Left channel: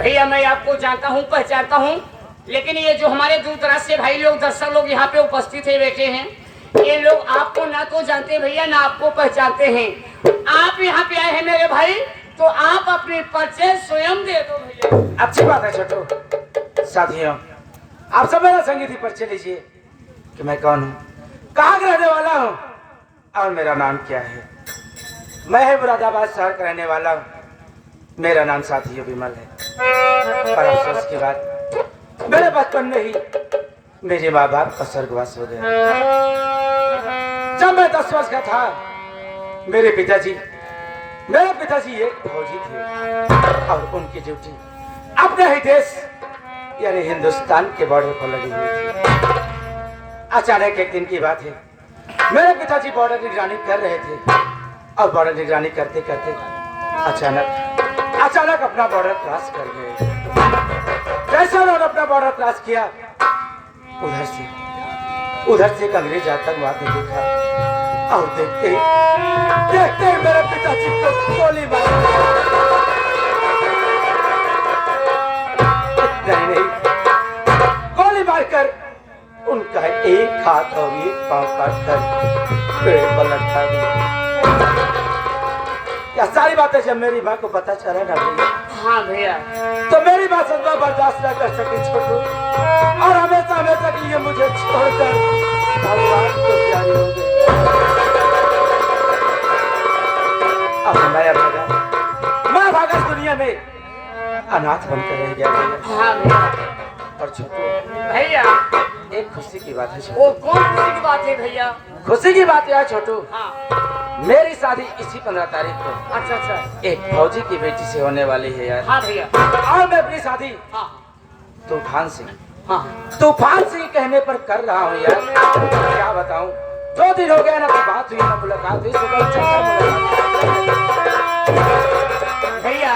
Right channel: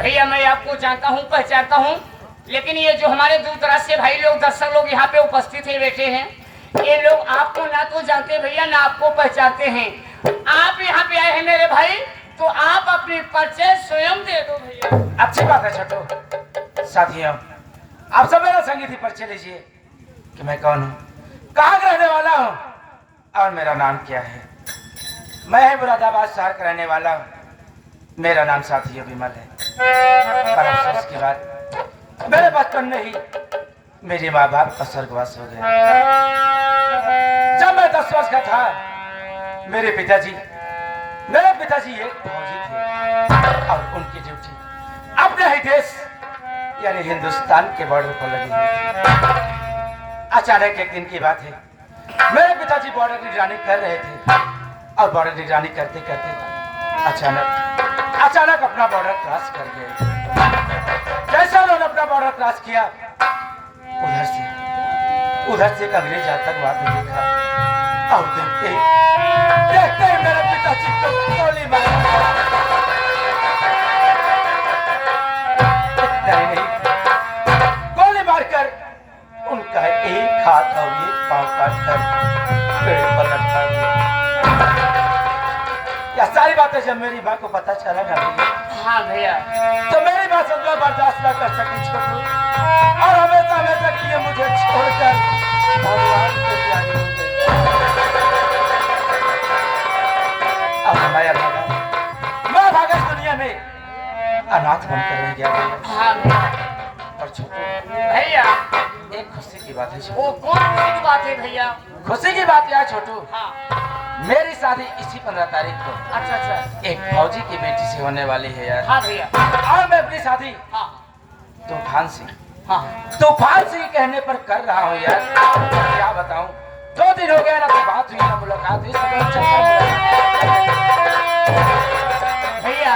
भैया मैं आपको जानता हूँ, पहचानता हूँ, लेकिन ये जो हमारे दूर दराज से भाई लोग, दर्शक लोग यहाँ पे उपस्थित है, बैठे हैं, ये लोग आपको ना तो जानते भैया, ना आपको पहचानते हैं। आप यहाँ पे आए हैं मेरे भाई, तो आप अपने परिचय स्वयं दे दो भैया। अच्छी बात है छोटू। साथियों, आप सब मेरा संगीत परिचय लीजिए कि मैं कौन हूँ, कहाँ का रहने वाला हूँ और मेरा नाम क्या है। मैं है मुरादाबाद शहर का रहने वाला हूँ। मेरा नाम साथियों विमल है। पर अफसोस की बात, मेरे बचपन में ही मेरे माँ बाप का स्वर्गवास हो गया। जब मैं 10 वर्ष का था, मेरे पिताजी एक फौजी थे और उनकी ड्यूटी अपने ही देश यानी हिंदुस्तान के बॉर्डर पर लगी हुई थी। अचानक एक दिन की बात है, मेरे पिताजी बॉर्डर निगरानी कर रहे थे और बॉर्डर निगरानी करते करते अचानक अपना बॉर्डर क्रॉस कर गए। जैसे उन्होंने अपना बॉर्डर क्रॉस किया, उधर से एक अंग्रेज आतंकवादी देखा और देखते ही मेरे पिताजी को गोली मार नहीं, गोली मारकर उनका एक हाथ और एक पांव काटकर पेड़ पर लटका दिया। क्या सारी बातें जब मेरी माँ को पता चला ना भैया, हाँ भैया, तो मेरी बात सुनना बर्दाश्त न कर सके छोटू और हमेशा हमेशा के लिए मुझे छोड़कर भगवान को प्यारी हो गई। अब मैं भागा इस दुनिया में अनाथ बनकर रह गया भैया। हाँ भैया। और छोटू भैया, एक खुशी की बात है वो कौन खुशी की बात है भैया? खुशी की बात है छोटू, हाँ। मेरी शादी इसी 15 तारीख को अच्छा एक फौजी की बेटी से होने वाली है यार। हाँ भैया। और मैं अपनी शादी हाँ तूफान से कहने पर कर रहा हूँ यार। क्या बताऊँ, 2 दिन हो गए ना, तो बात हुई ना मुलाकात हुई, भैया।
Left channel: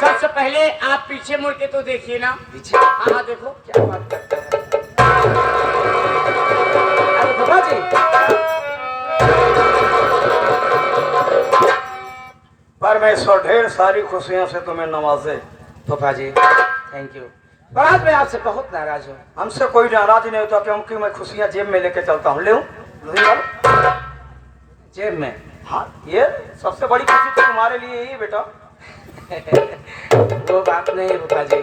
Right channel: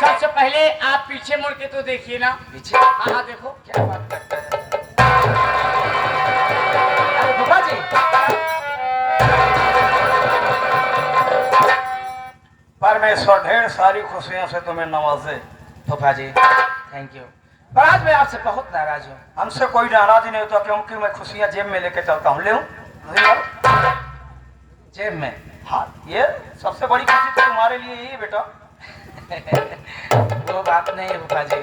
सबसे पहले आप पीछे मुड़ के तो देखिए ना। पीछे? हाँ देखो। क्या बात करते हैं अरे बाबा जी। परमेश्वर ढेर सारी खुशियों से तुम्हें नवाजे। फूफा जी थैंक यू, पर आज मैं आपसे बहुत नाराज हूँ। हमसे कोई नाराज नहीं होता, क्योंकि मैं खुशियां जेब में लेके चलता हूँ। ले जेब में? हाँ, ये सबसे बड़ी खुशी तो तुम्हारे लिए ही बेटा। वो बात नहीं है फूफा जी,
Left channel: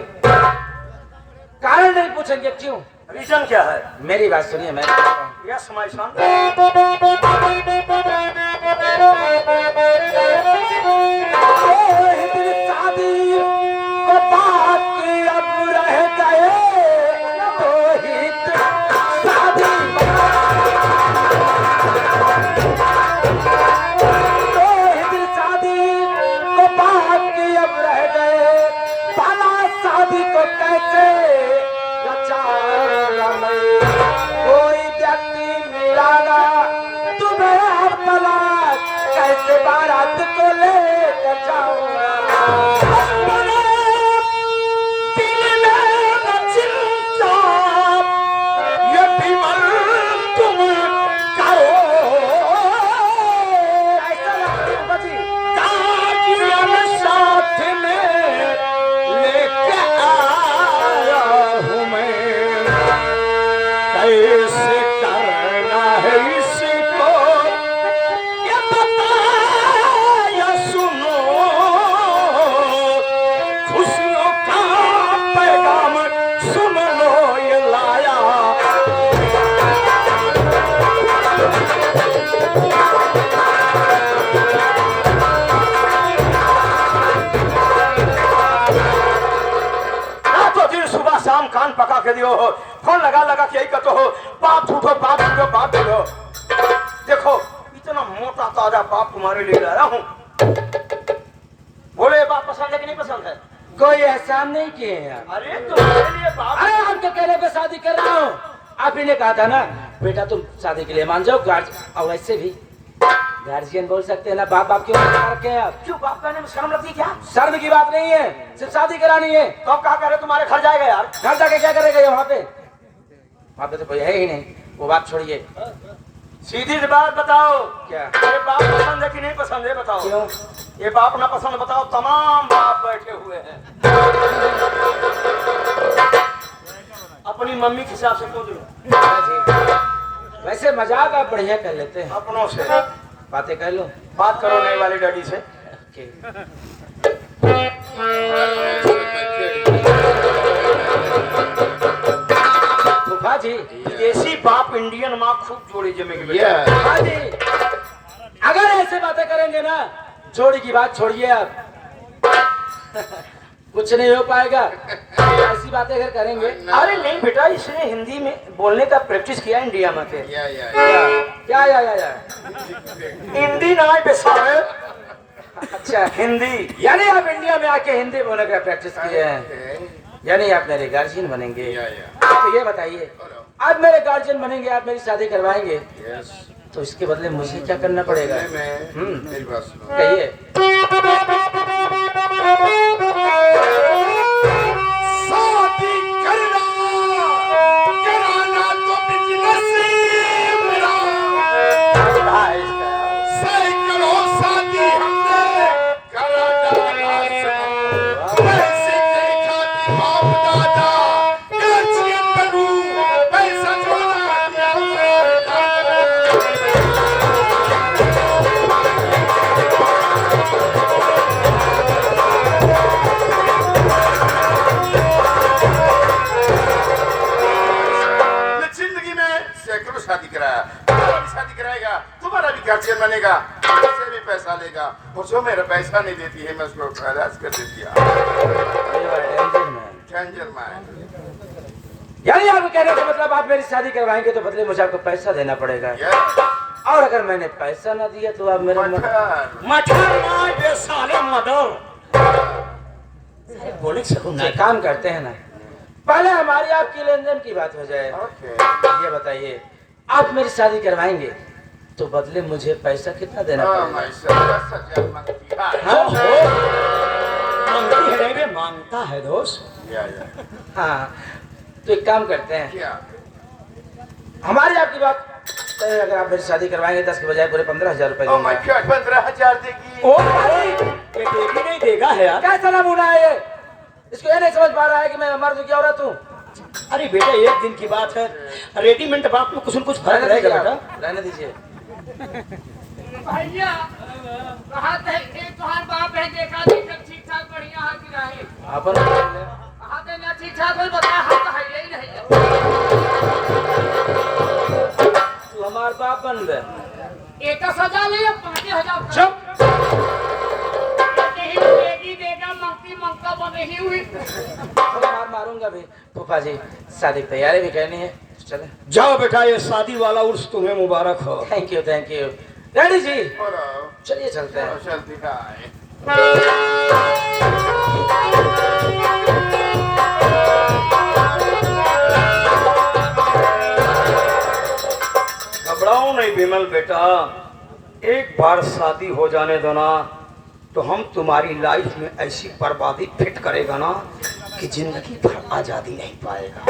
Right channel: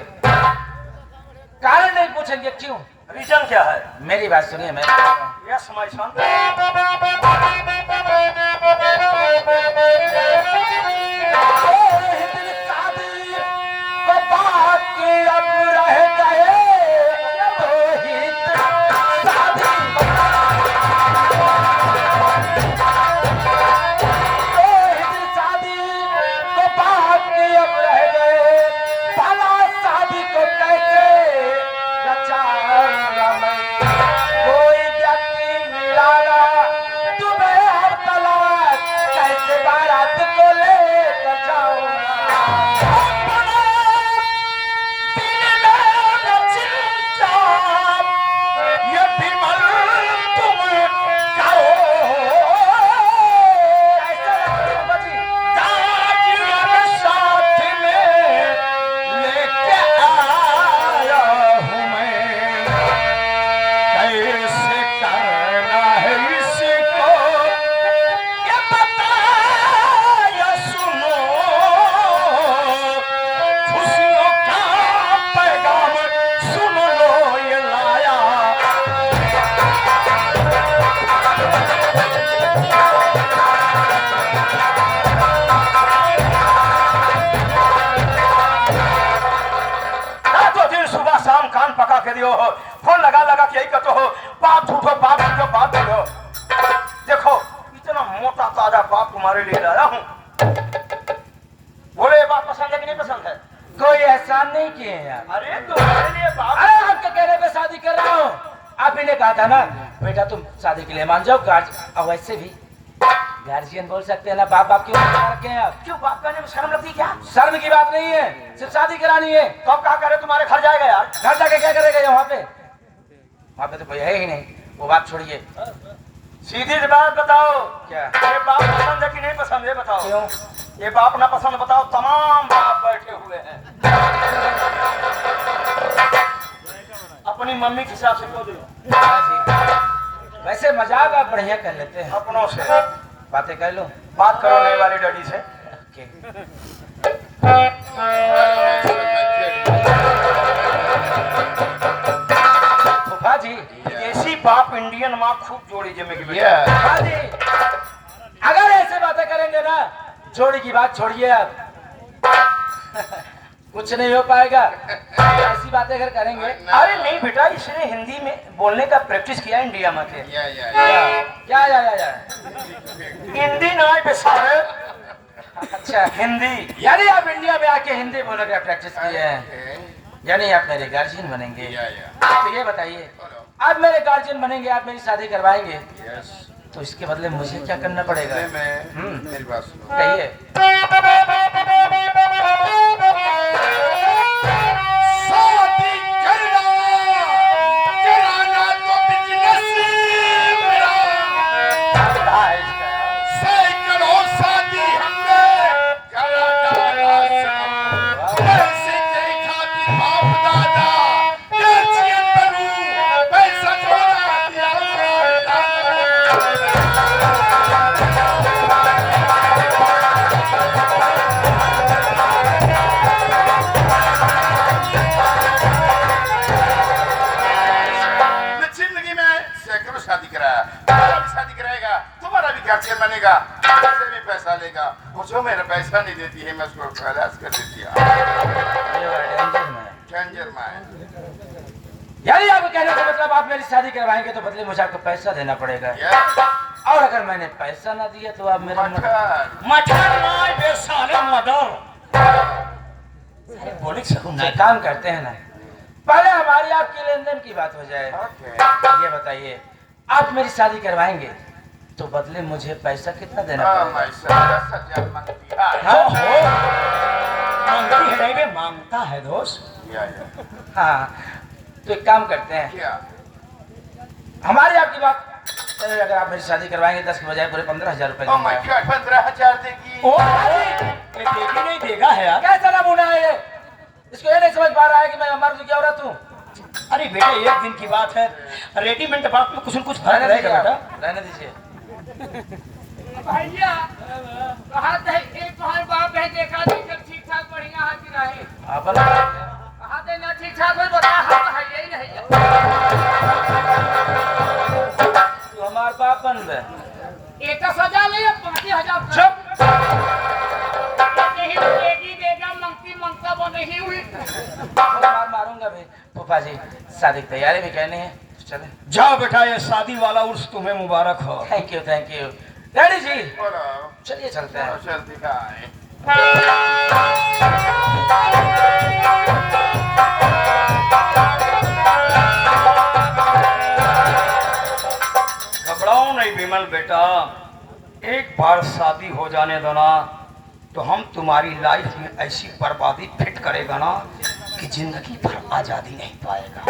कारण नहीं पूछेंगे क्यों? रीजन क्या है? मेरी बात सुनिए। मैं यस माय सन। फोन लगा के यही कहते हो, बाप झूठो बाप झूठो। देखो इतना मोटा ताजा बाप तुम्हारे लिए लाया हूँ। बोले ये बात पसंद है कि नहीं पसंद है? कोई एहसान नहीं किए यार। अरे तुम्हारे लिए बाप। अरे आपके कहने पे शादी कर रहा हूँ। आप ही ने कहा था ना बेटा तुम शादी के लिए मान जाओ। और वैसे भी गार्जियन बोल सकते हैं ना, बाप क्यों रखे हैं आप? क्यों बाप कहने में शर्म लगती क्या? शर्म की बात नहीं है, सिर्फ शादी करानी है। तो अब क्या करे, तुम्हारे घर जाएगा यार? घर जाके क्या करेगा? वहाँ पे तो कोई है ही नहीं। वो बात छोड़िए, सीधी बात बताओ, क्या ये बाप पसंद है कि नहीं पसंद है बताओ। क्यों? ये बाप ना पसंद बताओ, तमाम बाप बैठे हुए हैं। मम्मी के हिसाब से खोद लो फूफा जी, वैसे मजाक आप बढ़िया कर लेते हैं, अपनों से। बातें कर लो। बात करो नई वाली डैडी से। ओके। फूफा जी, देसी बाप इंडियन माँ खूब जोड़ी जमे की बेटा। फूफा जी, अगर ऐसे बातें करेंगे ना, जोड़ी की बात छोड़िए आप, कुछ नहीं हो पाएगा। ऐसी बातें अगर करेंगे, अरे नहीं बेटा, इसने हिंदी में बोलने का प्रैक्टिस किया इंडिया में के। क्या या हिंदी ना बेसारे, अच्छा, हिंदी। यानी आप इंडिया में आके हिंदी बोलने का प्रैक्टिस किए हैं, यानी आप मेरे गार्जियन बनेंगे। तो ये बताइए, आप मेरे गार्जियन बनेंगे, आप मेरी शादी करवाएंगे, तो इसके बदले मुझे क्या करना पड़ेगा? कहिए। शादी करना कराना तो बिजनेस मेरा, सैकड़ों शादी हमने कराना पैसे के खातिर बाप दादा गर्जियन बनूं, पैसा जोड़ा जिंदगी में सैकड़ों शादी कराया, तुम्हारा भी शादी कराएगा, तुम्हारा भी गार्जियन बनेगा, मुझसे भी पैसा लेगा, और जो मेरा पैसा नहीं देती है मैं उसको खलास कर देती है। Danger man. यानी आप कहने का मतलब आप मेरी शादी करवाएंगे तो बदले मुझे आपको पैसा देना पड़ेगा, और अगर मैंने पैसा ना दिया तो आप मेरा एक काम करते हैं ना, पहले हमारी आपकी लेन देन की बात हो जाए। ये बताइए, आप मेरी शादी करवाएंगे तो बदले मुझे पैसा कितना देना पड़ेगा? मांगता है दोस्त। हाँ, तो एक काम करते हैं, हमारी आपकी बात तो अगर आप मेरी शादी करवाएंगे 10 के बजाय पूरे 15,000 रुपए दूंगा। 15,000 देगी। ओ ये देगी नहीं देगा है यार, कैसा नमूना है ये? इसको ये नहीं समझ पा रहा है कि मैं मर्द क्या औरत हूँ। अरे बेटा, एक दिन की बात है, रेडीमेड बाप में कुछ न कुछ फर्क रहेगा बेटा। रहने दीजिए। भैया कहा था एक तुम्हारे बाप है, देखा ठीक ठाक बढ़िया हाथ गिरा है, अपन कहा थे ना ठीक ठाक बोल बता, हाथ है ही नहीं। हमारे बाप बंद है। एक तो सजा ले 5,000। चुप। ही देगी देगा, मंगती मंगता वो नहीं हुई। मारूंगा भी। फूफा जी, शादी की तैयारी भी करनी है, चले। जाओ बेटा, ये शादी वाला उर्स तुम्हें मुबारक हो। थैंक यू डैडी जी, चलिए चलते हैं। घबराओ नहीं विमल बेटा, एक बार शादी हो जाने दो ना, तो हम तुम्हारी लाइफ में ऐसी बर्बादी फिट करेगा ना कि जिंदगी भर आजादी नहीं पाएगा।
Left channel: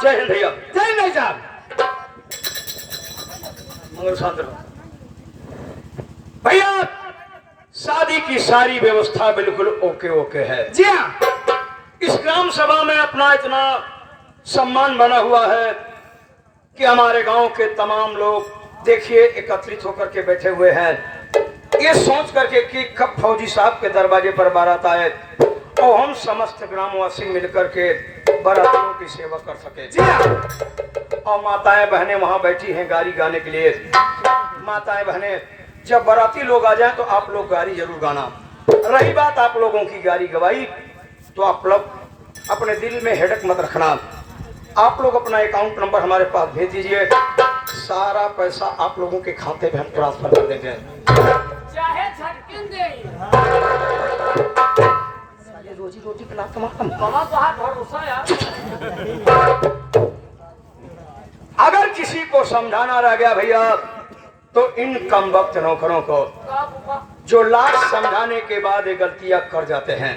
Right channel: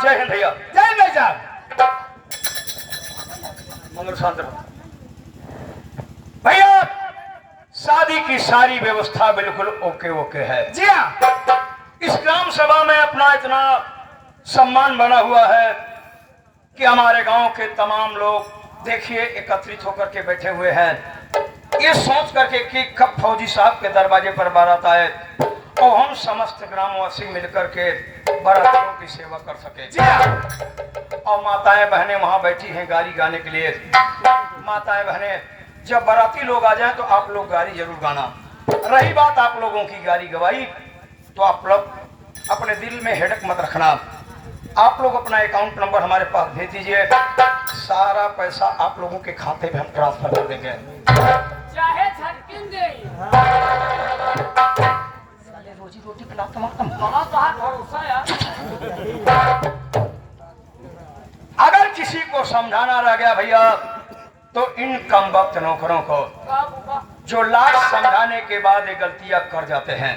जय हिंद भैया। जय भाई साहब। मगर शांत रहो भैया, शादी की सारी व्यवस्था बिल्कुल ओके ओके है। जी हाँ, इस ग्राम सभा में अपना इतना सम्मान बना हुआ है कि हमारे गांव के तमाम लोग देखिए एकत्रित होकर के बैठे हुए हैं, ये सोच करके कि कब फौजी साहब के दरवाजे पर बारात आए और हम समस्त ग्रामवासी मिलकर के बारातियों की सेवा कर सके। जी हाँ। और माताएं बहनें वहां बैठी हैं गाड़ी गाने के लिए। माताएं बहनें, जब बाराती लोग आ जाएं तो आप लोग गाड़ी जरूर गाना। रही बात आप लोगों की गाड़ी गवाई, तो आप लोग अपने दिल में हेडक मत रखना। आप लोग अपना अकाउंट नंबर हमारे पास भेज दीजिए, सारा पैसा आप लोगों के खाते में हम ट्रांसफर कर देंगे। चाहे झटकिन दे, रोजी रोटी पिलाता हमारा बाहर भरोसा यार। अगर किसी को समझाना रह गया भैया, तो इन कम वक्त नौकरों को, जो लाख समझाने के बाद ये गलतियां कर जाते हैं,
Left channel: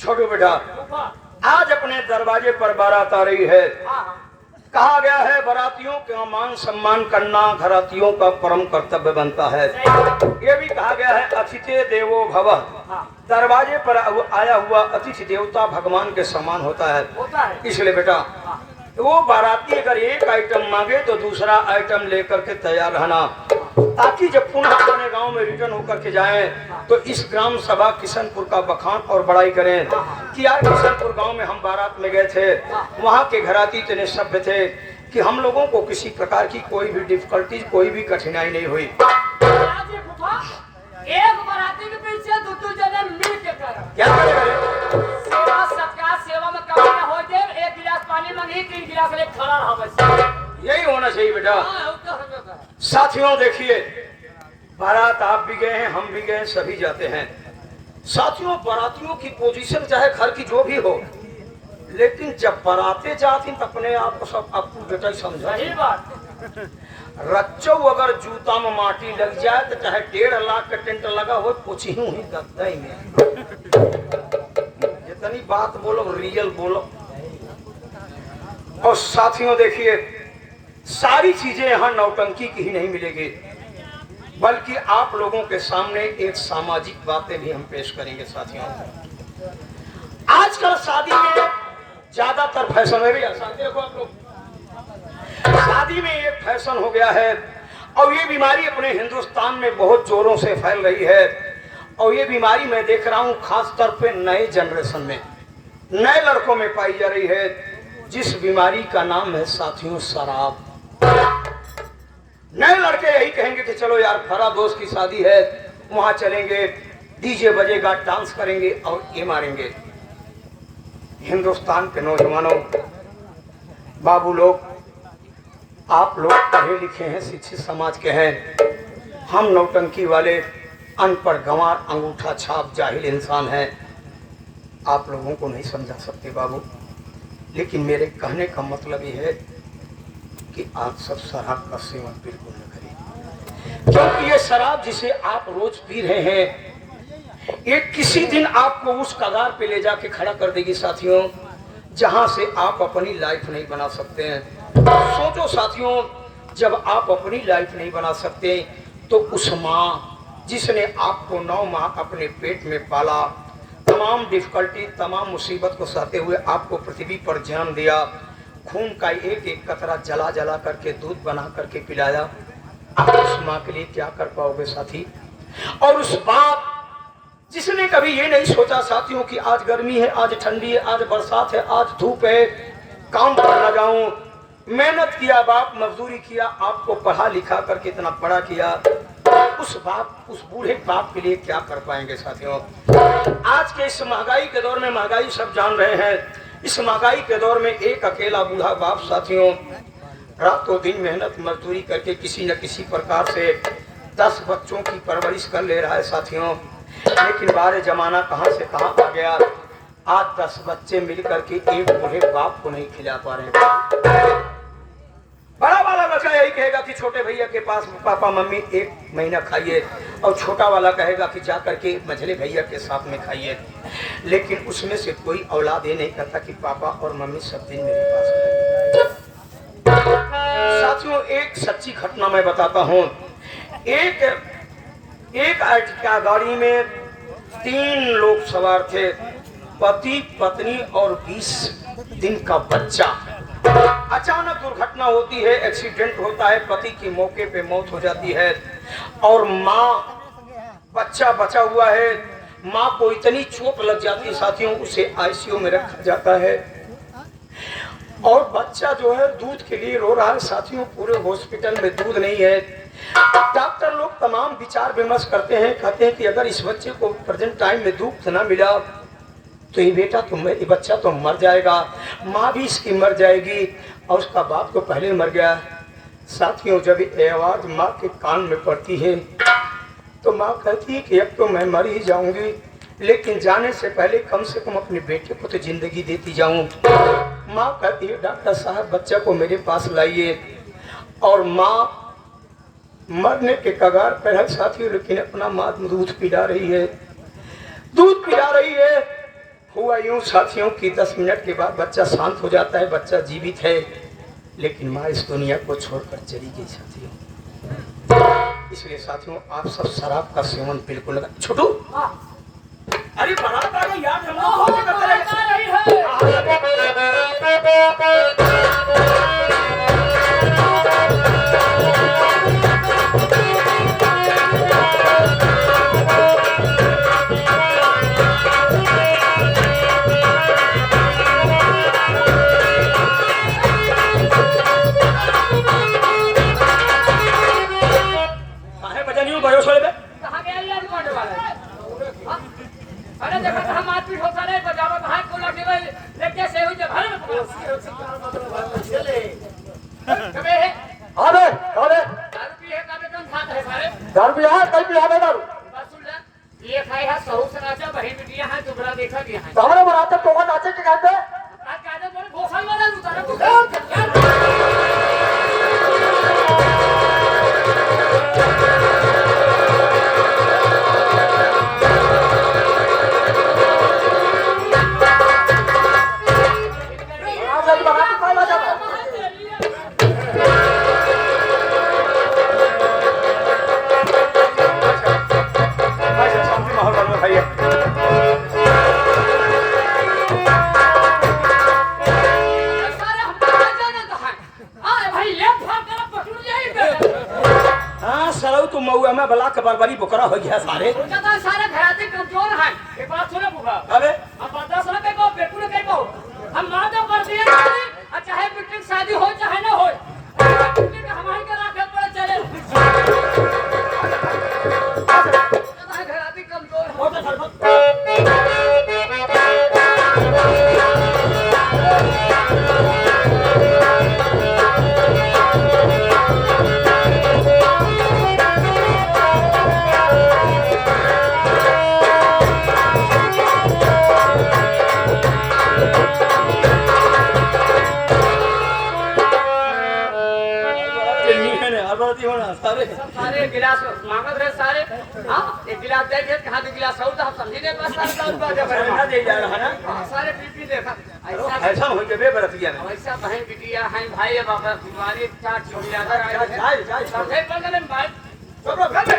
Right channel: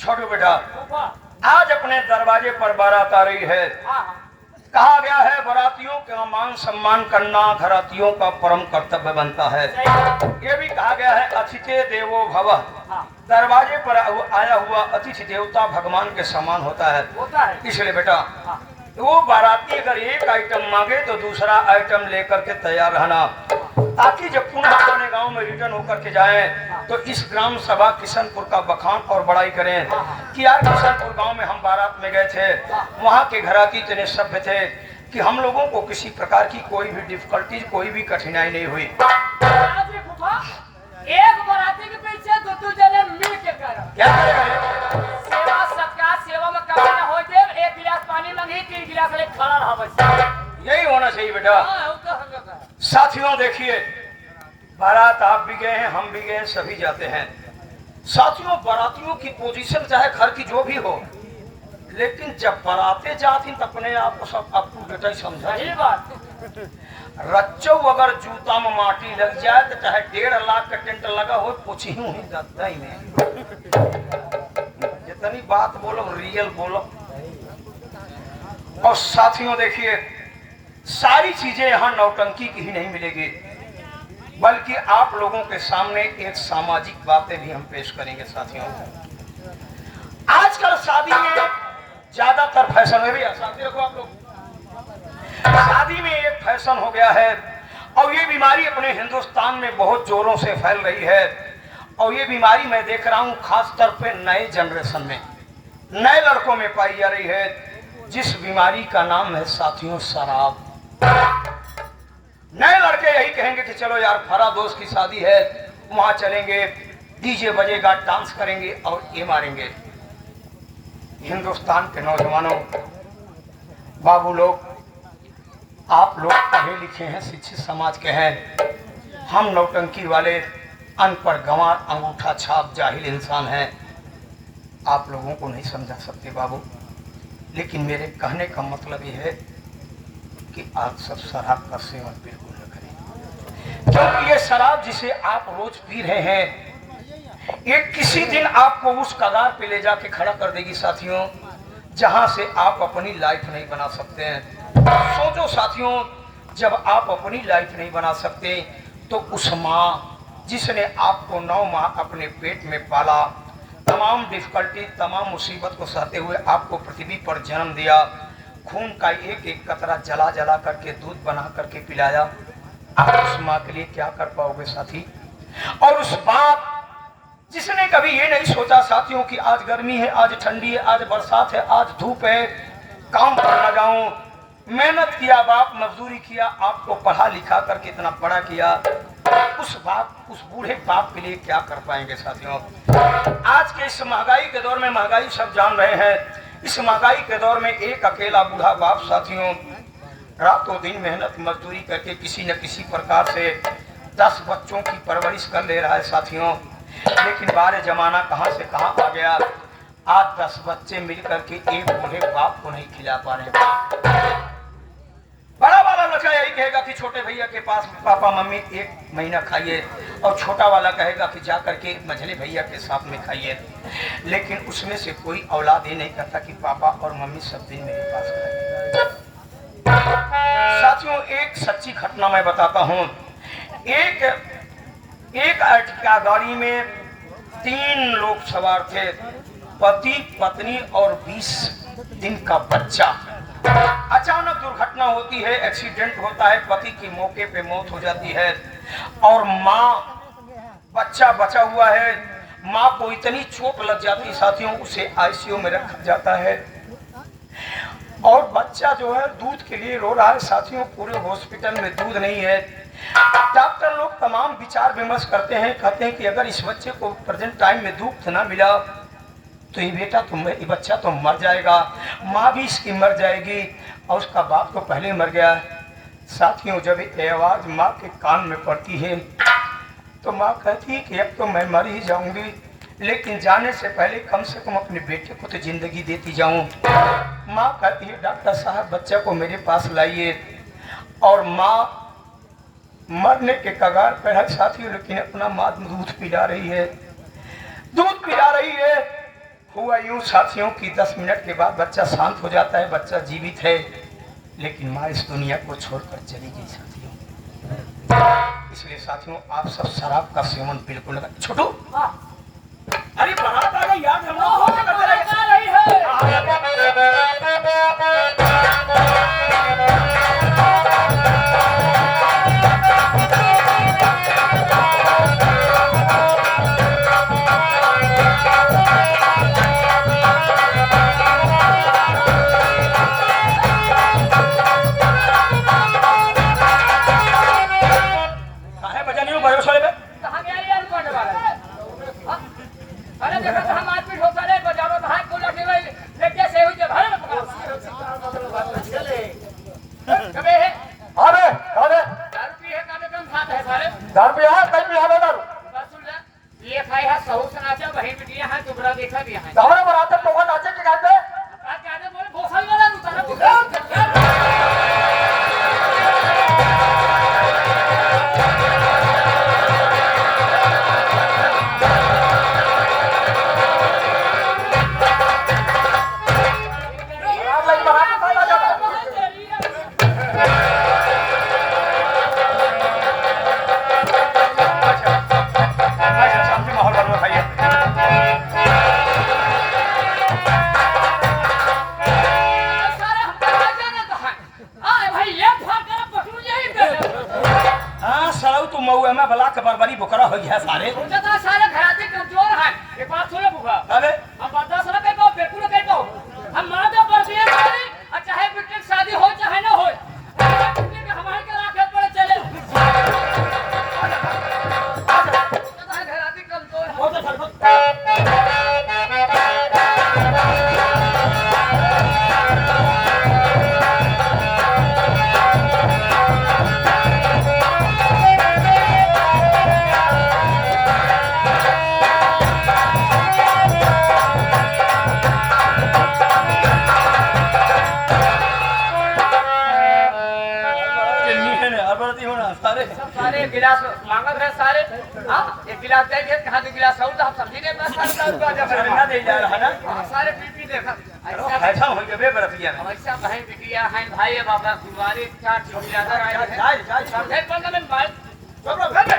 छोटू बेटा, फूफा, आज अपने दरवाजे पर बारात आ रही है। हाँ, कहा गया है बारातियों का मान सम्मान करना घरातियों का परम कर्तव्य बनता है। सही, ये भी कहा गया है अतिथि देवो भवः। हाँ, दरवाजे पर आया हुआ अतिथि देवता भगवान के समान होता है। होता है, इसलिए बेटा, हाँ, वो बाराती अगर एक आइटम मांगे तो दूसरा आइटम लेकर के तैयार रहना, ताकि जब पुनः अपने गांव में रिटर्न होकर के जाए तो इस ग्राम सभा किशनपुर का बखान और बड़ाई करें कि यार किशनपुर गांव में हम बारात में गए थे, वहां के घराती इतने सभ्य थे कि हम लोगों को किसी प्रकार की कोई भी डिफिकल्टी, कोई भी कठिनाई नहीं हुई। आज ये फूफा, एक बाराती के पीछे दो जने मिल के करा, क्या करें? सेवा सत्कार, सेवा में कमाया हो जाए, एक गिलास पानी मंगी, 3 गिलास ले खा रहा बस। यही होना चाहिए बेटा। हाँ, वो तो हर जगह है। साथियों देखिए, बारात आप भी गए हैं, हम भी गए, सभी जाते हैं। साथियों, बारातियों की पोजीशन चाहे घर की जो भी हो, लेकिन जब बारातें जाती तो अपने आप को सब आपको बेटा ही समझा। सही बात, रच्चो अगर जूता में माटी लग जाए तो चाहे 1.5 लाख का टेंट लगा हो, पूछी हूँ ही लगता ही नहीं। जितनी बात बोलो रियल बोलो। और साथियों देखिए, सारी चीजें यहाँ नौटंकी की ही नहीं मिलेगी, बल्कि आप लोगों के सामने एक सामाजिक बातें भी हम पेश करेंगे। साथियों, आजकल शादी में ज्यादातर फैशन में भी, शादी रखो आप लोग, शादी में एक फैशन हो गया है और ये बीमारी अपने हिंदुस्तान में बहुत जोरों से फैल रही है। और ये बीमारी मैं देख रहा हूँ खास तौर पे नए जनरेशन में, नए लड़कों में पाई जा रही है, जिस बीमारी का नाम है साथियों शराब। नए लड़के यही कहेंगे कि चलो यार फरा दोस्त की शादी है, वहां चलेंगे, डीजे बजेगा, डांस करेंगे और ये मारेंगे। हिंदुस्तान के नौजवानों, बाबू लोग, आप लोग पढ़े लिखे हैं, शिक्षित समाज के हैं, हम नौटंकी वाले अनपढ़ गंवार अंगूठा छाप जाहिल इंसान हैं, आप लोगों को नहीं समझा सकते बाबू। लेकिन मेरे कहने का मतलब ये है कि आप सब शराब का सेवन बिल्कुल न करें, क्योंकि ये शराब जिसे आप रोज पी रहे हैं, ये किसी दिन आपको उस कगार पे ले जाके खड़ा कर देगी साथियों, जहां से आप अपनी लाइफ नहीं बना सकते हैं। सोचो साथियों, जब आप अपनी लाइफ नहीं बना सकते तो उस माँ जिसने आपको 9 माह अपने पेट में पाला, तमाम डिफिकल्टी, तमाम मुसीबत को सहते हुए आपको पृथ्वी पर जन्म दिया, खून का एक एक कतरा जला जला करके दूध बना करके पिलाया, आप उस माँ के लिए क्या कर पाओगे साथी? और उस बाप जिसने कभी ये नहीं सोचा साथियों कि आज गर्मी है, आज ठंडी है, आज बरसात है, आज धूप है, काम पर न जाऊं, मेहनत किया, बाप मजदूरी किया, आपको पढ़ा लिखा करके इतना बड़ा किया, उस बाप, उस बूढ़े बाप के लिए क्या कर पाएंगे साथियों? आज के इस महंगाई के दौर में, महंगाई सब जान रहे हैं, इस महंगाई के दौर में एक अकेला बूढ़ा बाप साथियों रातों दिन मेहनत मजदूरी करके किसी न किसी प्रकार से 10 बच्चों की परवरिश कर ले रहा है साथियों। लेकिन बारे जमाना कहां से कहां आ गया, आज 10 बच्चे मिलकर के एक बूढ़े बाप को नहीं खिला पा रहे। बड़ा वाला लड़का यही कहेगा कि छोटे भैया के पास पापा मम्मी 1 महीना खाइए, और छोटा वाला कहेगा कि जा करके मझले भैया के साथ में खाइए। लेकिन उसमें से कोई औलाद ये नहीं करता कि पापा और मम्मी सब दिन मेरे पास खाइए। साथियों, एक सच्ची घटना मैं बताता हूँ। एक अर्टिका गाड़ी में 3 लोग सवार थे, पति पत्नी और 20 दिन का बच्चा। अचानक दुर्घटना होती है, एक्सीडेंट होता है, पति की मौके पे मौत हो जाती है और माँ, बच्चा बचा हुआ है, माँ को इतनी चोट लग जाती है साथियों, उसे आईसीयू में रखा जाता है और बच्चा जो है दूध के लिए रो रहा है साथियों। पूरे हॉस्पिटल में दूध नहीं है। डॉक्टर लोग तमाम विचार विमर्श करते हैं, कहते हैं कि अगर इस बच्चे को प्रेजेंट टाइम में दूध ना मिला तो ये बेटा तो ये बच्चा तो मर जाएगा, माँ भी इसकी मर जाएगी और उसका बाप तो पहले मर गया। साथियों, जब ये आवाज़ माँ के कान में पड़ती है तो माँ कहती है कि अब तो मैं मर ही जाऊंगी, लेकिन जाने से पहले कम से कम अपने बेटे को तो जिंदगी देती जाऊं। माँ कहती है डॉक्टर साहब बच्चा को मेरे पास लाइए, और माँ मरने के कगार पर है साथियों, लेकिन अपना माँ दूध पिला रही है, दूध पिला रही है। हुआ यूं साथियों कि 10 मिनट के बाद बच्चा शांत हो जाता है, बच्चा जीवित है, लेकिन माँ इस दुनिया को छोड़कर चली गई साथियों। इसलिए साथियों आप सब शराब का सेवन बिल्कुल न करें। छोटू, अरे बारात आ गई यार, हम लोग भोज करते रहे। आ रही है। काहे बजा नहीं हो भाइयों छोड़े में? कहाँ गया यार कौन वाला? हाँ? अरे देखो तो हम मारपीट होता रहे, बजावत हाथ को लगने वाले, देख कैसे हुई जब हरे में पकड़ा। कबे है? अबे अबे दारू पी है, कबे कम खात है सारे। दारू पिया है कहीं पिया है दारू बस सुन ले, ये खाई है सहू सनाचा बही बिटिया है दुबरा देखा दिया है। तो हमारे बनाते टोका नाचे के कहते आज काहे बोले भोसड़ी वाला उतारा आप भाई बनाते कौन आ जाता शांति माहौल बना भैया। सारा जाने दहन। आए भाई ये फाड़ कर पटुर जाई पे। हाँ सलाऊ तो मऊआ में बला के बरबरी बोकरा हो गया सारे। उनका तो सारे घराते कमजोर हैं। एक बात सुनो बुआ। अबे हम बर्दाश्त न कर पाओ, बिल्कुल न कर पाओ। हम माता पर दिया करें, और चाहे बिटिया की शादी हो चाहे ना हो। बिटिया के हमारे के राखे पड़े चले। हमारे घराते कमजोर हैं। बहुत अच्छा बात। चन्नी है ना, हरबरती होना सारे। सारे गिलास मांगत रहे सारे। हाँ, एक गिलास दे के कहा दो गिलास और हम समझी नहीं पास सारे बात जब सारे ना दे जा रहा है ना। सारे पी देखा ऐसा ऐसा हो गया बे बरतिया में। ऐसा बहन बिटिया हैं भाई बाबा गुरुवारी चार चिड़ियाघर आए हैं जाए जाए समझे पंद्रह मिनट बाद चलो घर में।